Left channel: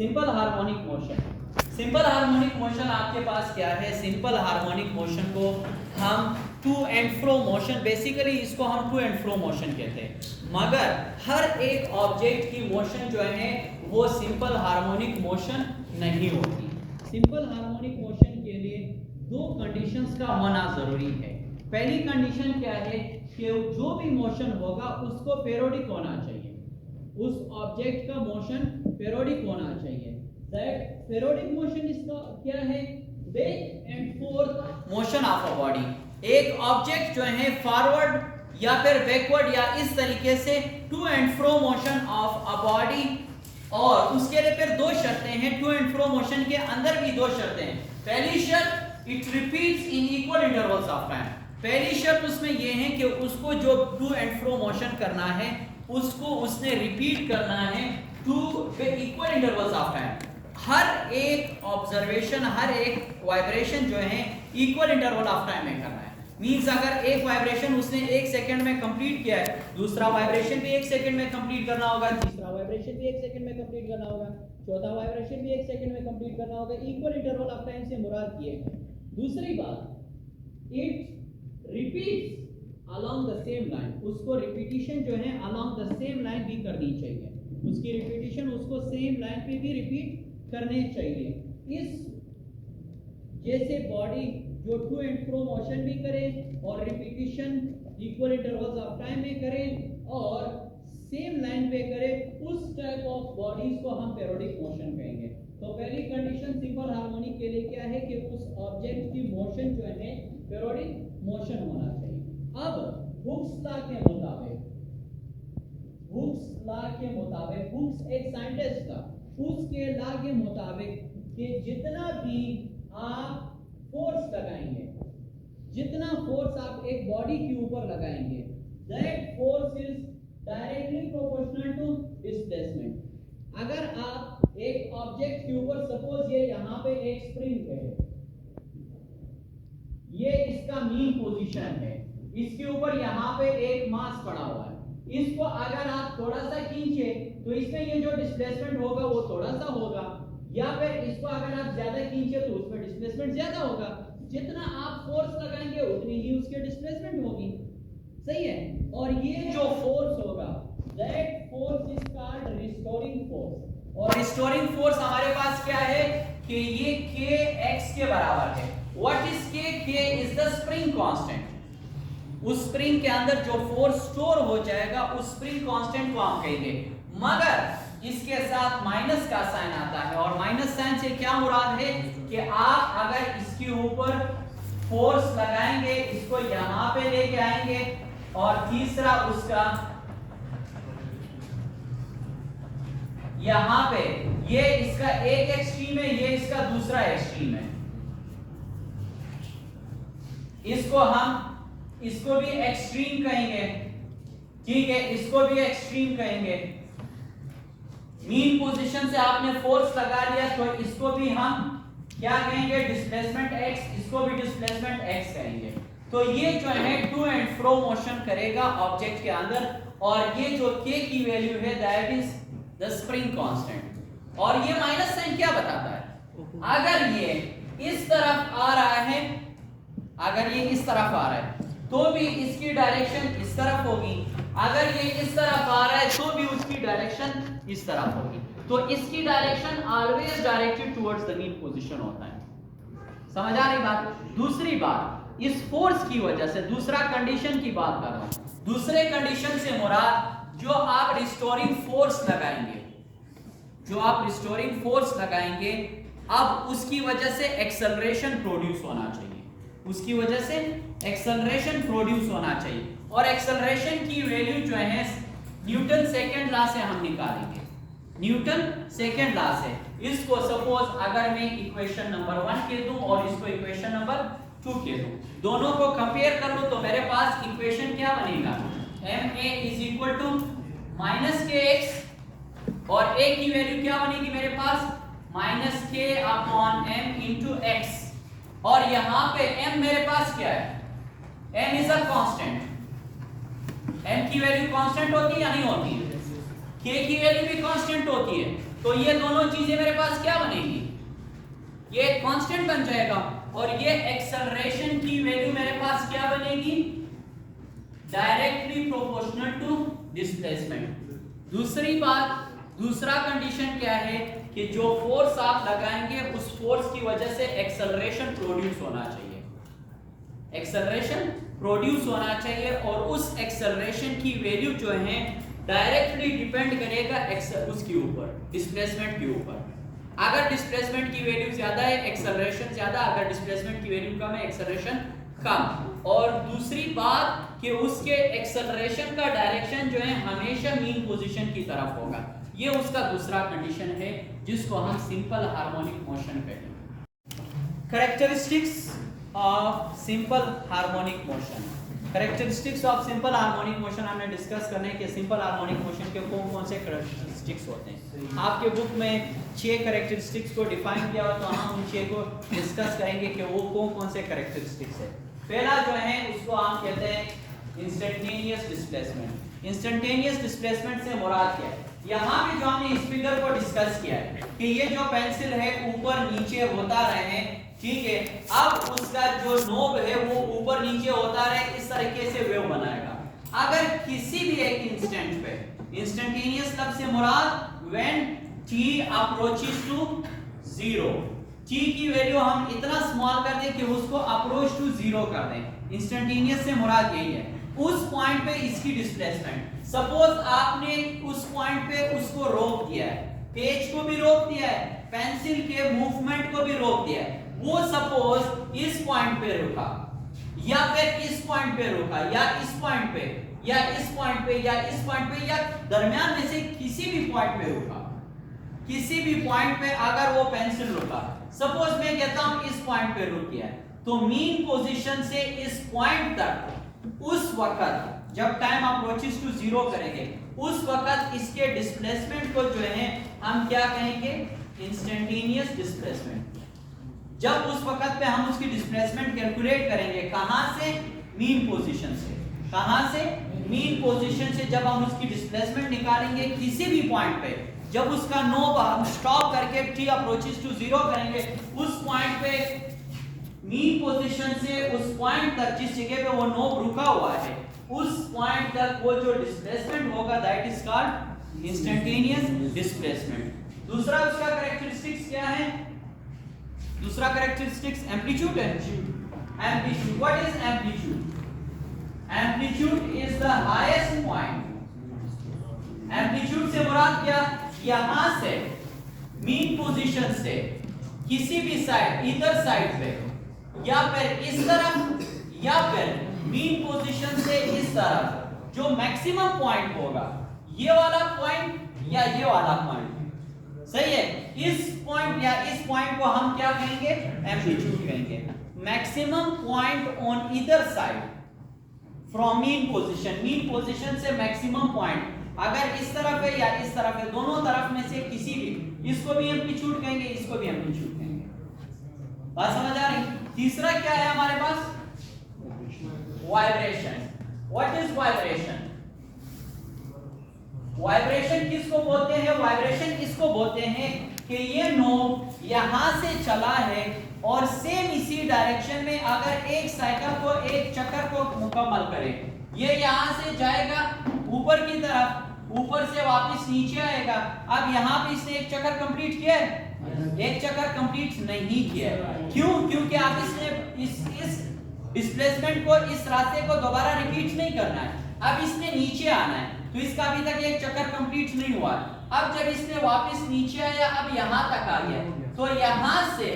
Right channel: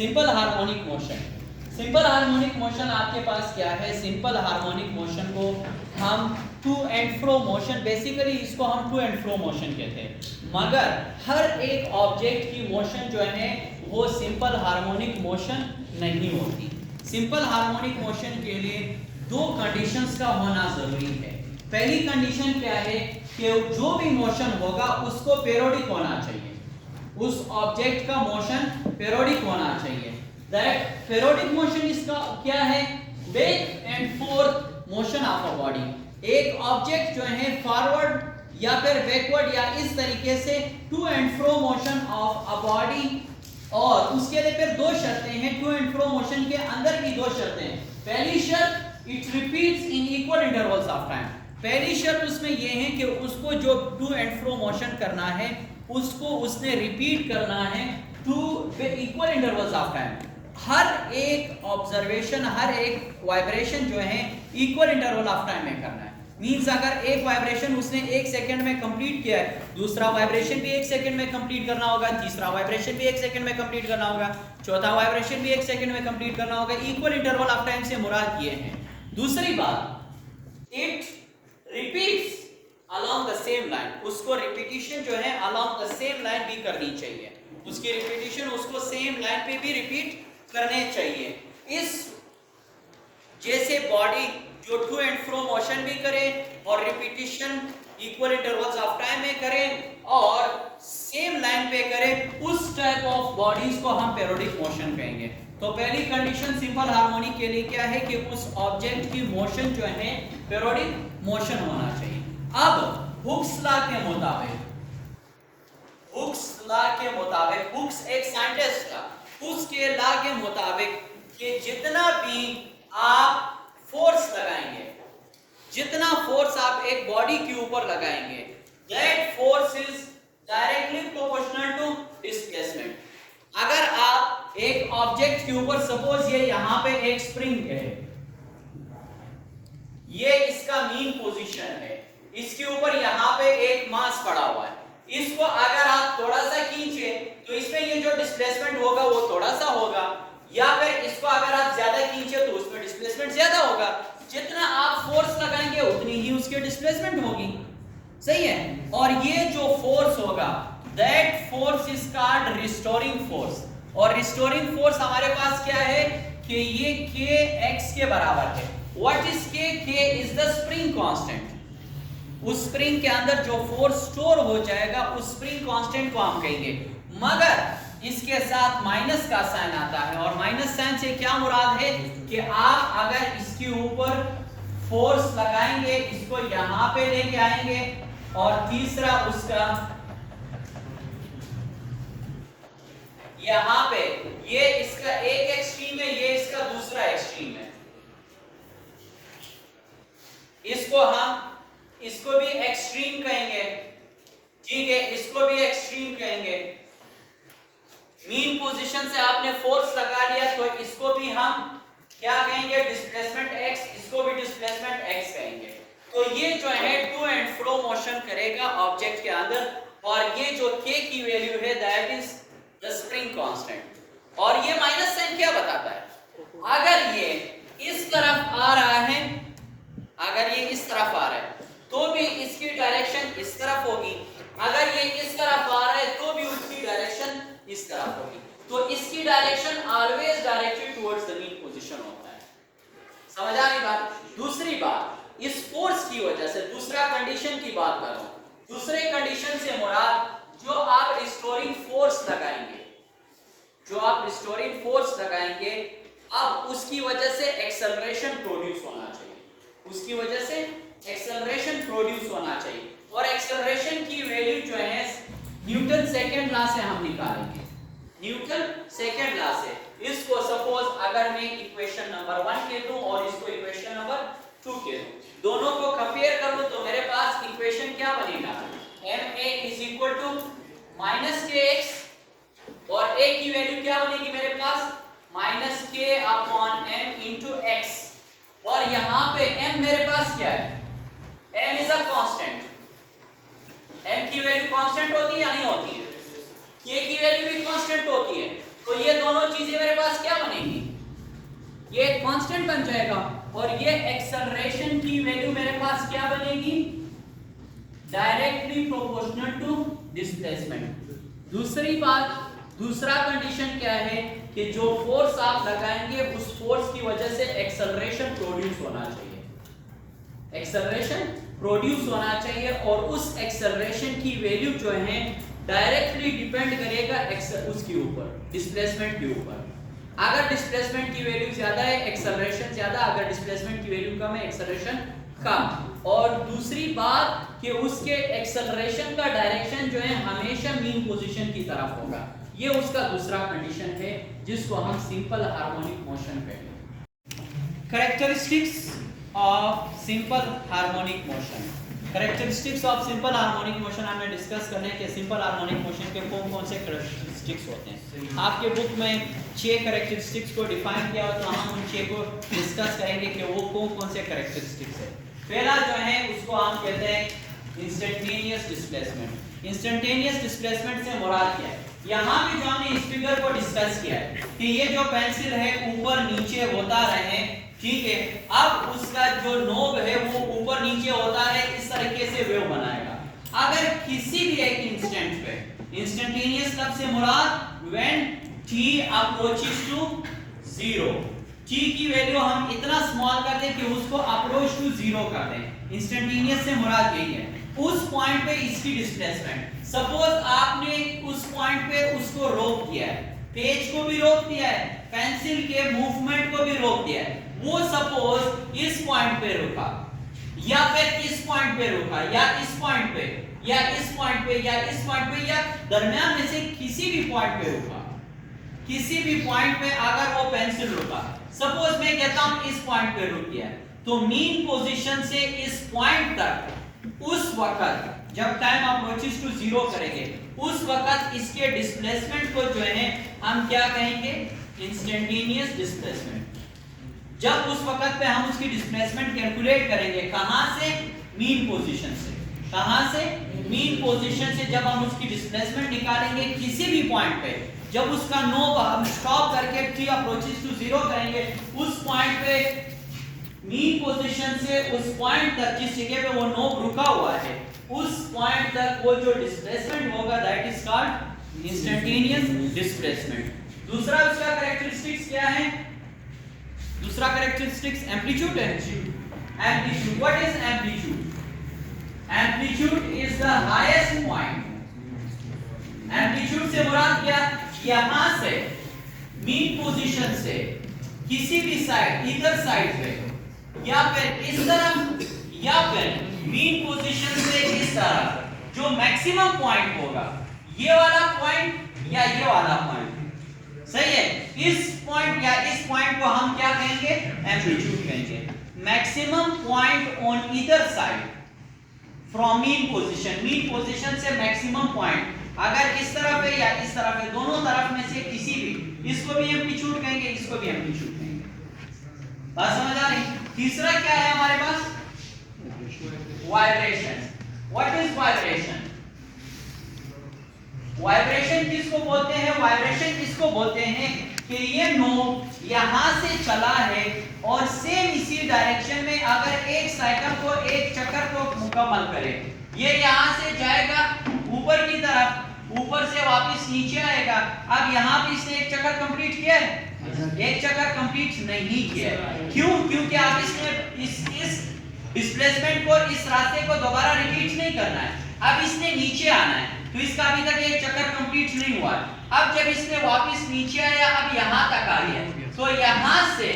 Simple harmonic motion. Simple harmonic motion आपके पास क्या है? सिंपल हार्मोनिक मोशन को हम to and fro motion, basically इसको हम टू एंड फ्रो मोशन कहते हैं। मगर हर एक ऑब्जेक्ट की मोशन जो है वो सिंपल हार्मोनिक मोशन नहीं होती। सिंपल हार्मोनिक मोशन के लिए दो कंडीशंस का होना जरूरी है। पहली कंडीशन क्या है कि जो भी मोशन होगा उसको पीरियोडिक होना चाहिए, उस ऑब्जेक्ट का मोशन पीरियोडिक होना चाहिए। दैट पीरियोडिक मोशन इसका क्या है? Back and fourth motion of a body. एक ऑब्जेक्ट जो है फॉरवर्ड या फिर बैकवर्ड या इस तरीके से to and fro motion of a body, और उसके लिए फिर दो शर्तें हैं। टू एंड फ्रो मोशन के अंदर की दो शर्तें हैं। पहली शर्त, it repeats in equal intervals of time. पहली शर्त उसमें यह है कि उसको जो टू एंड फ्रो मोशन करना है उसको उसने रिपीट करना है to equal intervals of time. हर एक ऑब्जर्वेशन, हर एक वाइब्रेशन जो है इक्वल इंटरवल ऑफ टाइम में करना है। मींस अगर एक वाइब्रेशन उसने 1 सेकंड में कंप्लीट किया है, दूसरा वाइब्रेशन भी 1 सेकंड में कंप्लीट करना होगा, तीसरा वाइब्रेशन भी 1 सेकंड में कंप्लीट करना होगा, चौथा वाइब्रेशन भी 1 सेकंड में कंप्लीट करना होगा। इक्वल इंटरवल ऑफ टाइम से मुराद ये है। दूसरी बात, it repeats along the same line। उसको रिपीटिशन जो है along the same line भी करनी चाहिए, उसकी रिपीटिशन उसको सेम लाइन पे भी रिपीट करने चाहिए। इस जैसे बॉडी जो टू एंड फ्रो मोशन भी करे और repetition equal intervals of time में करे और सेम लाइन पे करे, उस टाइप ऑफ बॉडीज को हम पीरियोडिक मोशन कहेंगे। तो पहली कंडीशन सिंपल हार्मोनिक के लिए क्या है कि उस ऑब्जेक्ट की मोशन जो है पीरियोडिक मोशन होना चाहिए। अब हुक्स लॉ के मुताबिक हुक्स एक साइंटिस्ट था, उसके लॉ के मुताबिक कि जितना भी आप फोर्स लगाएंगे, जितना फोर्स आप एक बॉडी के ऊपर लगाएंगे, that force is directly proportional to displacement. अगर आप एक ऑब्जेक्ट के ऊपर, सपोज ये यहां पे एक स्प्रिंग है, ये इसका मीन पोजीशन है, इसके ऊपर यहाँ पे एक मास पड़ा हुआ है, इसको अगर आप थोड़ा सा खींचे तो इसमें ये जो डिस्प्लेसमेंट होगा वो थोड़ा सा होगा, या फिर इसको अगर आप ज्यादा खींचे तो उसमें डिस्प्लेसमेंट ज्यादा होगा। जितना आप फोर्स लगाएंगे उतनी ही उसकी डिस्प्लेसमेंट होगी, सही है। और ये जो फोर्स होगा, that force is called restoring force. और रिस्टोरिंग फोर्स हमारे पास क्या है कि ये kx के बराबर है। What is k? k is the spring constant. उस स्प्रिंग के अंदर जो फोर्स स्टोर हो जाएगा उस स्प्रिंग कांस्टेंट को हम कहेंगे। मगर इसके साथ माइनस का साइन आता है, और माइनस साइन से क्या मुराद है कि आप अगर इसके ऊपर फोर्स लगाएंगे, इसको यहां पे लेके आएंगे, और तीसरा उसका यहां पे, ये इसका एक एक्सट्रीम है, ये इसका दूसरा एक्सट्रीम है, इसको भी एक्सट्रीम कहेंगे, ठीक है, इसको भी एक्सट्रीम कहेंगे। मीन पोजीशन से आपने फोर्स लगा लिया तो इसको भी हम क्या कहेंगे? डिस्प्लेसमेंट x, इसको भी डिस्प्लेसमेंट x कहेंगे। तो ये जो है टू एंड फ्रो मोशन करेगा ऑब्जेक्ट के अंदर, और ये जो k की वैल्यू है that is the spring constant. और ये माइनस साइन क्या बताता है? अगर ये इस तरफ आ रहा है, अगर ये इस तरफ आ रहा है तो भी इसकी डायरेक्शन इस तरफ होगी, अगर ये इस तरफ आ रहा है तो भी उसकी डायरेक्शन इस तरफ होगी। तो इसकी direction always directed towards the mean position होता है। समझ आ रही बात? दूसरी बात, इस फोर्स की वजह से, दूसरा कंडीशन की बात कर रहा हूं, दूसरे कंडीशन से मुराद जो आप रिस्टोरिंग फोर्स लगाएंगे, जो आप रिस्टोरिंग फोर्स लगाएंगे, अब उसकी वजह से एक्सेलरेशन प्रोड्यूस होना चाहिए, उसकी वजह से एक्सेलरेशन प्रोड्यूस होना चाहिए। और एक्सेलरेशन की वैल्यू जो है न्यूटन सेकंड लॉ से हम निकालेंगे, न्यूटन सेकंड लॉ से। इसको सपोज अगर मैं इक्वेशन नंबर 1 कह दूं और इसको इक्वेशन नंबर 2 कह दूं, दोनों को कंपेयर कर लूं तो मेरे पास इक्वेशन क्या बनेगा? ma is equal to minus kx, और a की वैल्यू क्या बनेगी मेरे पास? Minus k upon m into x। और यहां पे m मेरे पास क्या है? m is a constant. m की वैल्यू कांस्टेंट होती है या नहीं होती है? k की वैल्यू भी कांस्टेंट होती है, तो ये दोनों चीजें मेरे पास क्या बनेगी, ये एक कांस्टेंट बन जाएगा और ये एक्सेलरेशन की वैल्यू मेरे पास क्या बनेगी, डायरेक्टली प्रोपोर्शनल टू डिस्प्लेसमेंट। दूसरी बात, दूसरा कंडीशन क्या है कि जो फोर्स आप लगाएंगे उस फोर्स की वजह से एक्सेलरेशन प्रोड्यूस होना चाहिए, एक्सेलरेशन प्रोड्यूस होना चाहिए और उस एक्सेलरेशन की वैल्यू जो है डायरेक्टली डिपेंड करेगा उसके ऊपर, डिस्प्लेसमेंट के ऊपर। अगर डिस्प्लेसमेंट की वैल्यू ज्यादा है एक्सेलरेशन ज्यादा, अगर डिस्प्लेसमेंट की वैल्यू कम है एक्सेलरेशन कम। और दूसरी बात कि उसके एक्सेलरेशन का डायरेक्शन जो है हमेशा मीन पोजीशन की तरफ होगा। ये उसका दूसरा कंडीशन है जिसको हम सिंपल हार्मोनिक मोशन कहते हैं। Characteristics of simple harmonic motion, characteristics of simple harmonic motion हमने डिस्कस करने के सिंपल हार्मोनिक मोशन के कौन कौन से कैरेक्टरिस्टिक्स होते हैं। आपके बुक में 6 कैरेक्टरिस्टिक्स को डिफाइन किया हो तो हम उन 6 को डिस्कस करेंगे कि वो कौन कौन से कैरेक्टरिस्टिक्स है। पहला जो है उसको हम कहते हैं इंस्टेंटेनियस डिस्प्लेसमेंट। इंस्टेंटेनियस डिस्प्लेसमेंट से मुराद क्या है, यहाँ भी जो हमने इस फिगर को डिस्कस किया है कि ये जो पेंसिल है ऊपर नीचे होता रहे, ठीक है, अब उसका जो नोब है वो ऊपर नीचे होता है, इस तरीके से वेव बनाएगा। अगर किसी भी एक इंस्टेंट पे, इंस्टेंटेनियस लफ्ज से मुराद when t approaches to 0, t की वैल्यू हम इतना स्मॉल कर दें कि उसको अप्रोच टू 0 कर दें, इंस्टेंटेनियस से मुराद यही है। उस पॉइंट पे इसकी डिस्प्लेसमेंट, सपोज आपने उस पॉइंट पे उसको रोक दिया है, पेज को भी रोक दिया है, पेंसिल के मूवमेंट को भी रोक दिया है, वो सपोज इस पॉइंट पे रुका या फिर इस पॉइंट पे रुका या इस पॉइंट पे या इस पॉइंट पे या इस पॉइंट पे या दरमियान में से किसी भी पॉइंट पे रुका, किसी भी पॉइंट पे अगर वो पेंसिल रुका, सपोज मैं कहता हूं इस पॉइंट पे रुक गया, तो मीन पोजीशन से इस पॉइंट तक उस वक्त जब टाइम अप्रोचेस टू 0 करेंगे उस वक्त इसके डिस्प्लेसमेंट को जो है हम क्या कहेंगे, इंस्टेंटेनियस डिस्प्लेसमेंट। जब उस वक्त पे हम उसकी डिस्प्लेसमेंट कैलकुलेट करेंगे, कहां से, मीन पोजीशन से, कहां से, मीन पोजीशन से जब हम उसकी डिस्प्लेसमेंट निकालेंगे किसी भी पॉइंट पे, जब उसका नोब हम स्टॉप करके t अप्रोचेस टू 0 करेंगे, उस पॉइंट पे मीन पोजीशन से उस पॉइंट तक जिस जगह पे वो नोब रुका हुआ है उस पॉइंट तक वो जो डिस्प्लेसमेंट होगा that is called instantaneous displacement. दूसरा उसका कैरेक्टरिस्टिक्स क्या है, दूसरा कैरेक्टरिस्टिक्स एम्पलीट्यूड है। Amplitude, what is amplitude, amplitude is the highest point. Amplitude से मुराद क्या, यहां से मीन पोजीशन से किसी भी साइड, इधर साइड पे या फिर इस तरफ या फिर मीन पोजीशन से इस तरफ जो मैक्सिमम पॉइंट होगा, ये वाला पॉइंट या ये वाला पॉइंट, सही है, इस पॉइंट या इस पॉइंट को हम क्या कहेंगे, एम्पलीट्यूड कहेंगे। Maximum point on either side from mean position, mean position से मैक्सिमम पॉइंट अगर इस तरफ है या इस तरफ है, दोनों तरफ में से किसी भी, इसको भी एम्पलीट्यूड कहेंगे, इसको भी एम्पलीट्यूड कहेंगे। बात समझ आ रही। तीसरा क्या है हमारे पास, vibration. What is vibration, vibration किसको बोलते हैं, वाइब्रेशन किसको बोलते हैं कि ये नोब यहां से चला है और सेम इसी डायरेक्शन में अगर एक साइकिल को, एक चक्कर को मुकम्मल करे, ये यहां से जाएगा ऊपर की तरफ, ऊपर से वापस नीचे आएगा। अब यहाँ पे इसने एक चक्कर कंप्लीट किया है, एक चक्कर कंप्लीट नहीं किया है, क्यों, क्योंकि आप इसने इस डिस्प्लेसमेंट को, इस रास्ते को दोबारा रिपीट नहीं करना है, अब इसने नीचे आना है, तो इसका अभी तक एक चक्कर कंप्लीट नहीं हुआ। अब जब इसने वापस नीचे आया, अब यहाँ तक आ गया, तो यहाँ से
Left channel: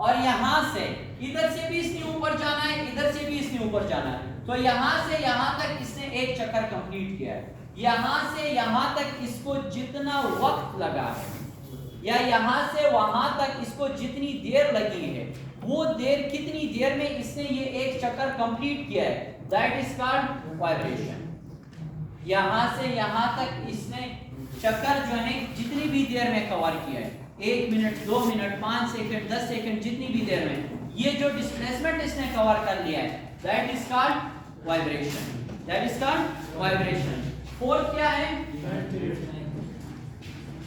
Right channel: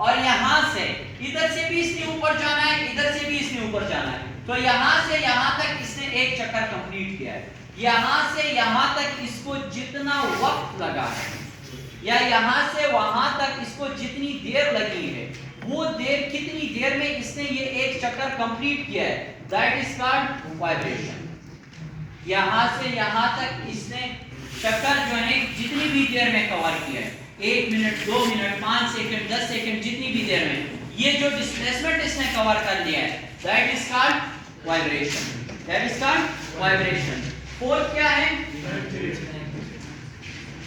और यहाँ से, इधर से भी इसने ऊपर जाना है, इधर से भी इसने ऊपर जाना है, तो यहाँ से यहाँ तक इसने एक चक्कर कंप्लीट किया है। यहाँ से यहाँ तक इसको जितना वक्त लगा है या यहाँ से वहां तक इसको जितनी देर लगी है, वो देर कितनी देर में इसने ये एक चक्कर कंप्लीट किया है, दैट इज कॉल्ड वाइब्रेशन। यहाँ से यहाँ तक इसने चक्कर जो है जितनी भी देर में कवर किया है, 1 मिनट, 2 मिनट, 5 सेकंड, 10 सेकंड, जितनी भी देर में ये जो डिस्प्लेसमेंट इसने कवर कर लिया है, that is called vibration, that is called vibration. Fourth क्या है,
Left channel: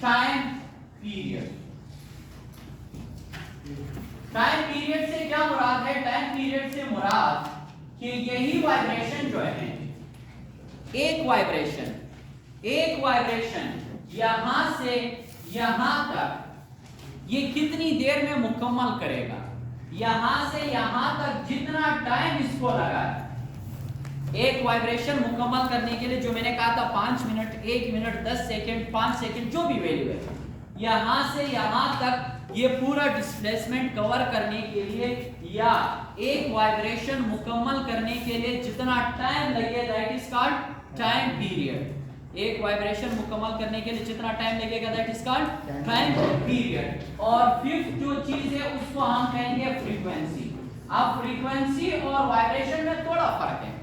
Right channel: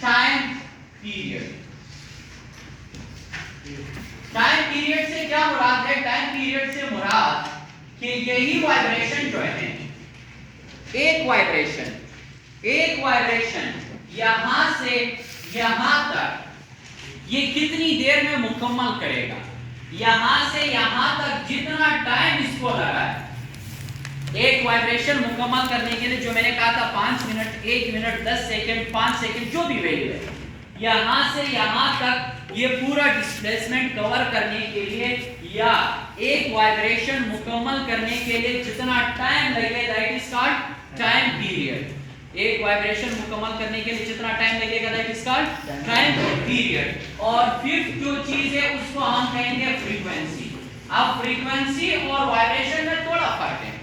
टाइम पीरियड। टाइम पीरियड से क्या मुराद है? टाइम पीरियड से मुराद कि यही वाइब्रेशन जो है, एक वाइब्रेशन यहां से यहां तक ये कितनी देर में मुकम्मल करेगा? यहां से यहां तक जितना टाइम इसको लगा है एक वाइब्रेशन मुकम्मल करने के लिए, जो मैंने कहा था 5 मिनट, 1 मिनट, 10 सेकंड, 5 सेकंड, जो भी वैल्यू है, यहां से यहां तक ये पूरा डिस्प्लेसमेंट कवर करने के लिए या एक वाइब्रेशन मुकम्मल करने के लिए जितना टाइम लगेगा that is called time period. एक वाइब्रेशन मुकम्मल करने के लिए जितना टाइम लगेगा that is called time period. और फिफ्थ जो चीज है उसको हम कहेंगे फ्रीक्वेंसी। अब फ्रीक्वेंसी और वाइब्रेशन में थोड़ा फर्क है।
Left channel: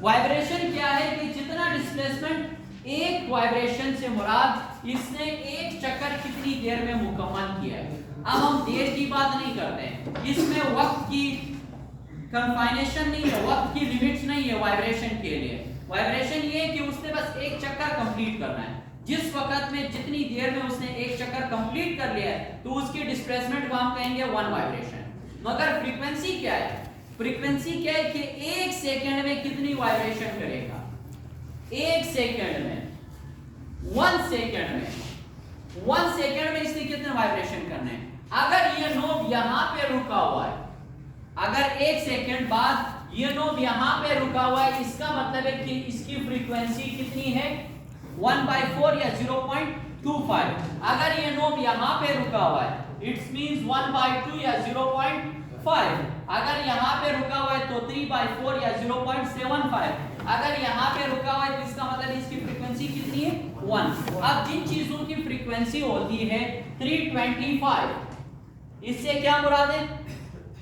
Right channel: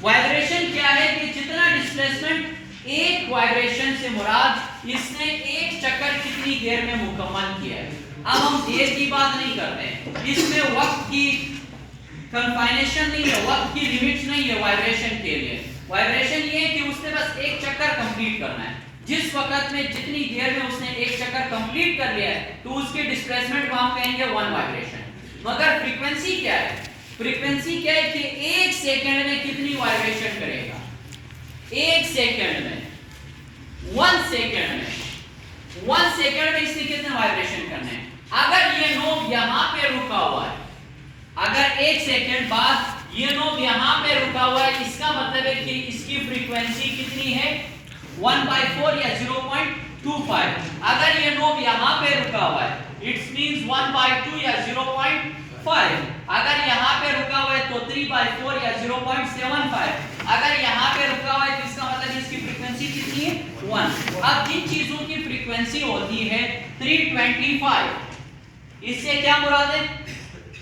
वाइब्रेशन क्या है कि जितना डिस्प्लेसमेंट एक वाइब्रेशन से मुराद इसने एक चक्कर कितनी देर में मुकम्मल किया है। अब हम देर की बात नहीं करते हैं, इसमें वक्त की कंफाइनेशन नहीं है, वक्त की लिमिट्स नहीं है वाइब्रेशन के लिए। वाइब्रेशन ये है कि उसने बस एक चक्कर कंप्लीट करना है। जिस वक्त में जितनी देर में उसने एक चक्कर कंप्लीट कर लिया है तो उसके डिस्प्लेसमेंट को हम कहेंगे 1 वाइब्रेशन। मगर फ्रीक्वेंसी क्या है? फ्रीक्वेंसी क्या है कि 1 सेकंड में कितनी वाइब्रेशन करेगा? 1 सेकंड में, 1 सेकंड में, 1 सेकंड में इसने कितने वाइब्रेशन करने हैं? अगर ये नोब यहां पे रुका हुआ है, अगर 1 सेकंड बाद ये नोब यहां पे रुका हुआ है, इसका मतलब है कि इसकी फ्रीक्वेंसी कितनी है? 1/4 या 0.25। अगर ये नोब यहां पे रुका हुआ है इट्स मींस 1/2 या 0.5। अगर यहां पे रुका हुआ है तो 3/4 या 0.75। अगर यहां पे रुका हुआ है तो इसका मतलब इसकी फ्रीक्वेंसी कितनी है? 1। अब जिन चीजों की फ्रीक्वेंसी होती है 325, इससे क्या मुराद है?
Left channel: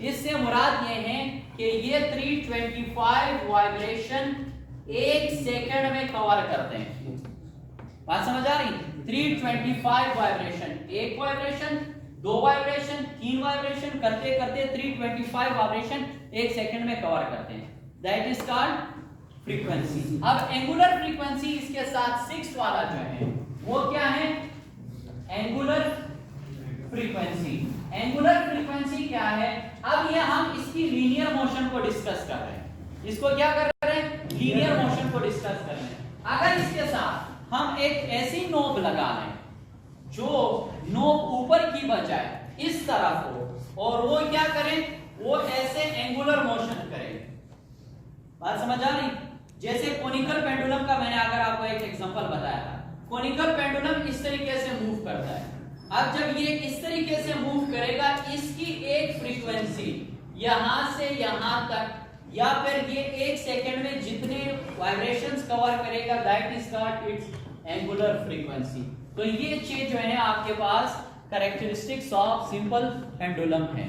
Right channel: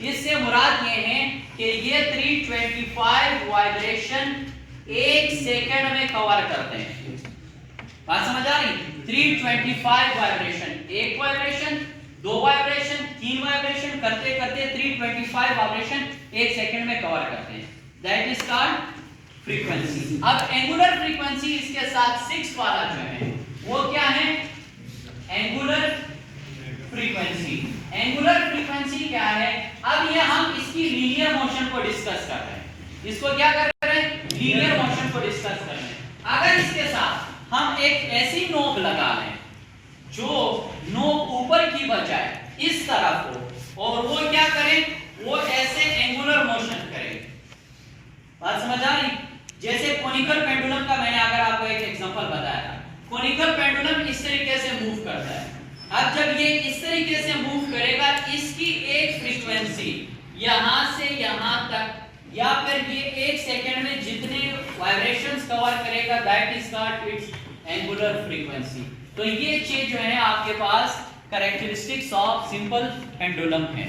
इससे मुराद ये है कि ये 325 वाइब्रेशन 1 सेकंड में कवर करते हैं। बात समझ आ रही? 325 वाइब्रेशन, एक वाइब्रेशन, 2 वाइब्रेशन, 3 वाइब्रेशन करते करते 325 वाइब्रेशन 1 सेकंड में कवर करते हैं। That is called frequency. अब एंगुलर फ्रीक्वेंसी इसके साथ 6 वाला जो है वो क्या है? Angular frequency. एंगुलर फ्रीक्वेंसी क्या है? अब ये हम इसकी लीनियर मोशन को डिस्कस कर रहे हैं। इसको क्या कर रहे हैं? लीनियर मोशन को डिस्कस कर रहे हैं। अगर इसके साथ हम एक ऐसी नोब लगा लें जो नोब ऊपर की बजाय इस तरफ हो और वो क्या करें? वो ऐसे एंगुलर मोशन करें। बात समझ आ रही? जैसे कोनिकल पेंडुलम का मैंने अगर आपको एक एग्जांपल बताया था, कोनिकल पेंडुलम इस तरीके से मूव करता है। अब जब ये इस तरीके से मूव करेगा, इसकी एक फ्रीक्वेंसी यहां से यहां तक या फिर ये 1 सेकंड में जितने वाइब्रेशंस कवर करेगा that is called its angular frequency. तो ये चीज जो है आपके पास कैरेक्टरिस्टिक्स ऑफ सिंपल पेंडुलम है।